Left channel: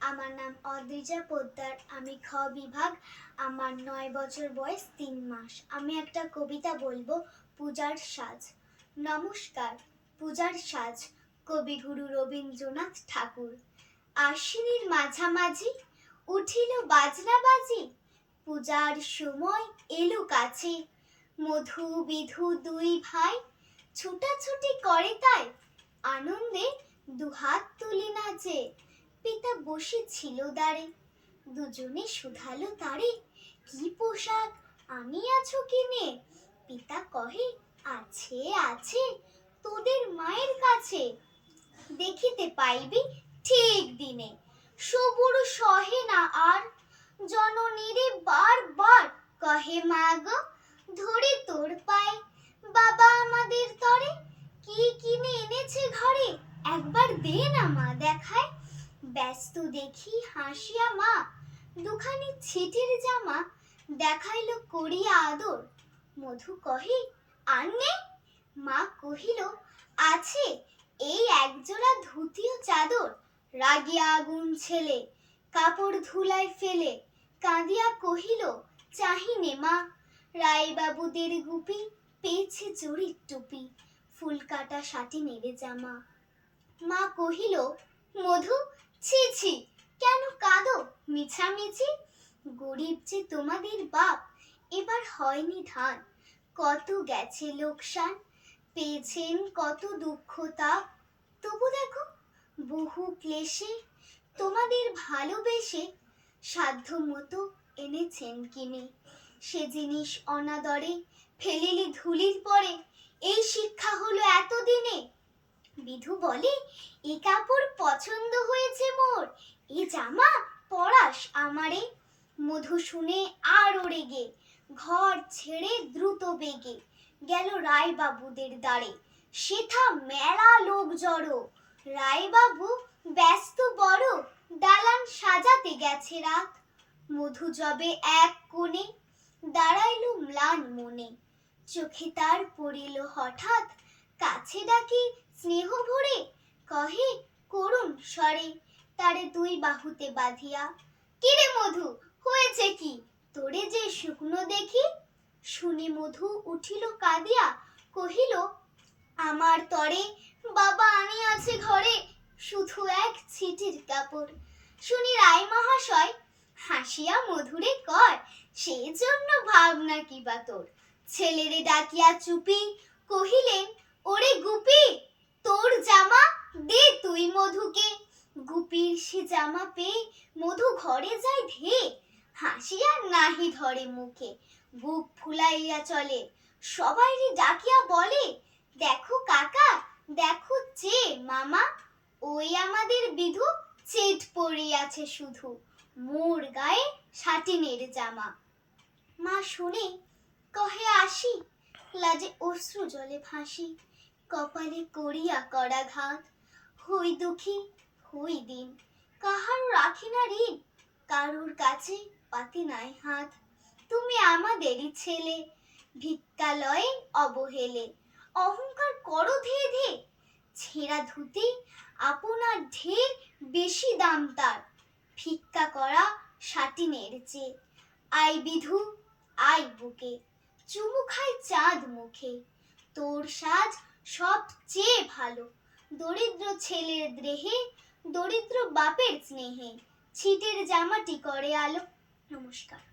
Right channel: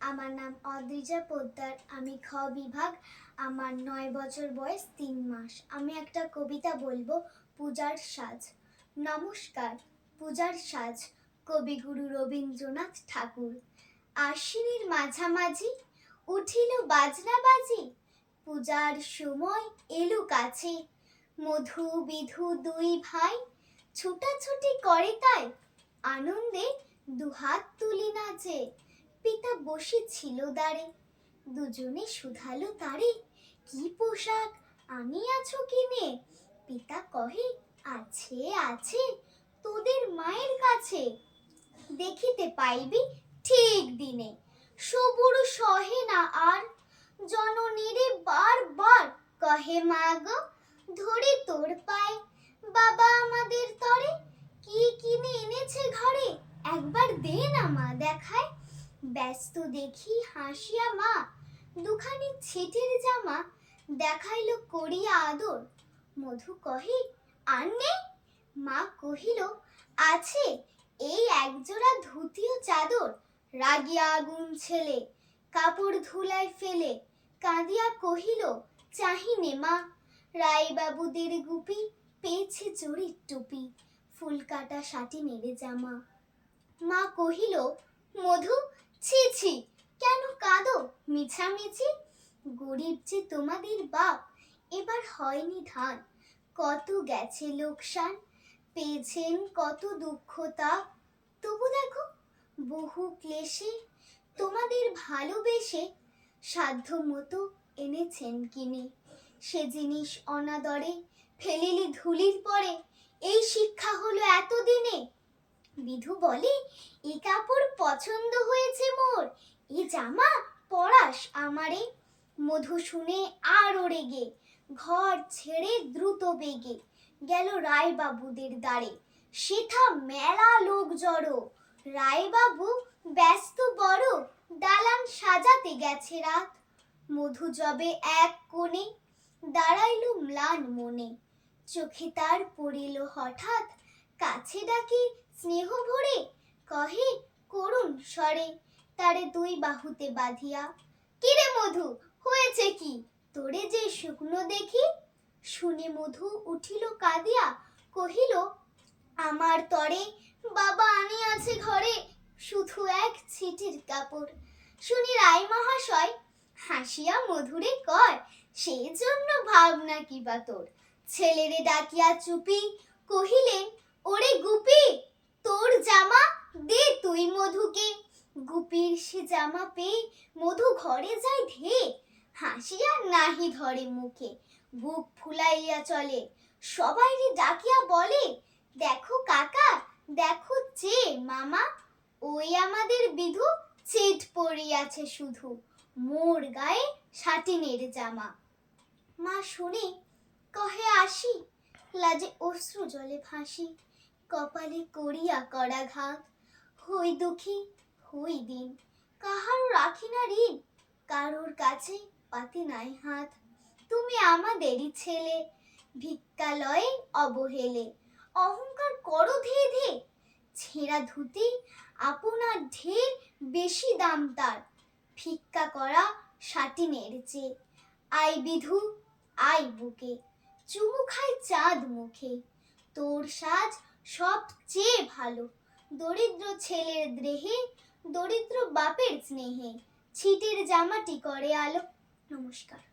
আমার নাম অদ্রিজা পোদ্দার, আমি খ বিভাগ, আমার নয় বছর বয়স তিন মাস। আমি একটা কবিতা বলব, পূজার সাজ। নমস্কার, পূজার সাজ, কবিগুরু রবীন্দ্রনাথ ঠাকুর। আশ্বিনীর মাঝামাঝি উঠিল বাজনা বাজি, পূজার সময় এলো কাছে। মধু বিধু দুই ভাই ছুটাছুটি করে তাই, আনন্দে দুহাত তুলি নাচে। পিতা বসে ছিল দাঁড়ে দুজনে শুধালো তারে, কি পোশাক? আনিয়াছো কিনে? পিতা কহে, আছে আছে, তোদের মায়ের কাছে। দেখিতে পাইবি ঠিক দিনে। সবুর সহে না আর, জননীরে বারবার কহে, মা গো, ধরে তোর পায়। বাবা আমাদের তরে কি কিনে এনেছে ঘরে? একবার দে না মা দেখায়। ব্যস্ত দেখি হাসিয়া মা, দুখানি ছিটির জামা দেখাইলো করিয়া আদর। মধু কহে আর নেই মা কহিল, আছে, এই একজোড়া ধুতি ও চাদর। রাগিয়া আগুন ছেলে, কাপড় ধুলায় ফেলে। কাঁদিয়া কহিল, চাহিনে মা রায়বাবুদের গুপি, পেয়েছে চুরির টুপি ফুল কাটা শাটি নেড়ে জামা। মা কহিল, মধু ছি ছি। কেন কাঁদো? মিছামিছি? গরিব যে তোমাদের বাপ, এবার হয়নি ধান। কত গেছে লোকসান? পেয়েছেন কত দুঃখ তাপ? তবু দেখো, বহু ক্লেশে তোমাদের ভালোবেসে সাধ্য মতো এনেছেন কিনে। সে জিনিস অনাদরে ফেলিলি ধুলির পরে এই শিক্ষা বিধু বলে, এ কাপড় পছন্দ হয়েছে মোর। এ জামা পরাস আমারে। মধু শুনে আরও রেগে, ঘর ছেড়ে দ্রুত বেগে, গেল রায়বাবুদের দ্বারে। সেথা মেলা লোক জড়ো, রায়বাবু ব্যস্ত বড়, দালান সাজাতে গেছে রাত। মধু জবে এক কোণে, দাঁড়াইল ম্লান মনে। চোখে তার পড়িল হঠাৎ, কাছে ডাকি স্নেহ ভরে কহে, করুণ স্বরে তারে দুই বাহুতে বাঁধিয়া। কিরে মধু, হয়েছে কি? তোরে যে শুকনো দেখি? শুনে মধু উঠিল কাঁদিয়া, কহিল, আমার তরে বাবা আনি আছে ঘরে শুধু এক ছিটির কাপড়। শুনি রায় মহাশয়, হাসিয়া মধুরে কর সেই জন্য ভাবনা কি বা তোর? ছেলেরে ডাকিয়া চুপি, কহিলেন, ওরে গুপি তোর জামা দে তুই মধুকে গুপির সে জামা পেয়ে মধু ঘরে যায় ধে হাসিয়া নাহি ধরে মুখে। বুক ফুলাইয়া চলে। সবাইরে ডাকিয়া বলে, দেখো কাকা, দেখো চে মামা, ওই আমাদের বিধু চেট পড়িয়াছে শুধু। মোর গায়ে সাটিনের জামা। মা শুনে কহে, আসি। লাজে অশ্রু জলে ভাসি। কপালে করিয়া করা ঘাত। হই দুঃখী হই দিন কাহার রাখি না ঋণ, কারোর কাছে পাতি নাই হাত। তুমি আমাদেরই ছেলে, ভিক্ষালয়ে অবহেলে, অহংকার করো ধে ধে ছেঁড়া ধুতি আপনার ঢের বেশি দাম তার। ভিক্ষা করা সাটিনের চেয়ে আই বিধু, আই বুকে। চুমু খাই চাঁদ মুখে। তোর সাজ সবচেয়ে ভালো। দরিদ্র ছেলের দেহে দরিদ্র বাপের স্নেহে ছিটের জামাটি করে আলো। নমস্কার।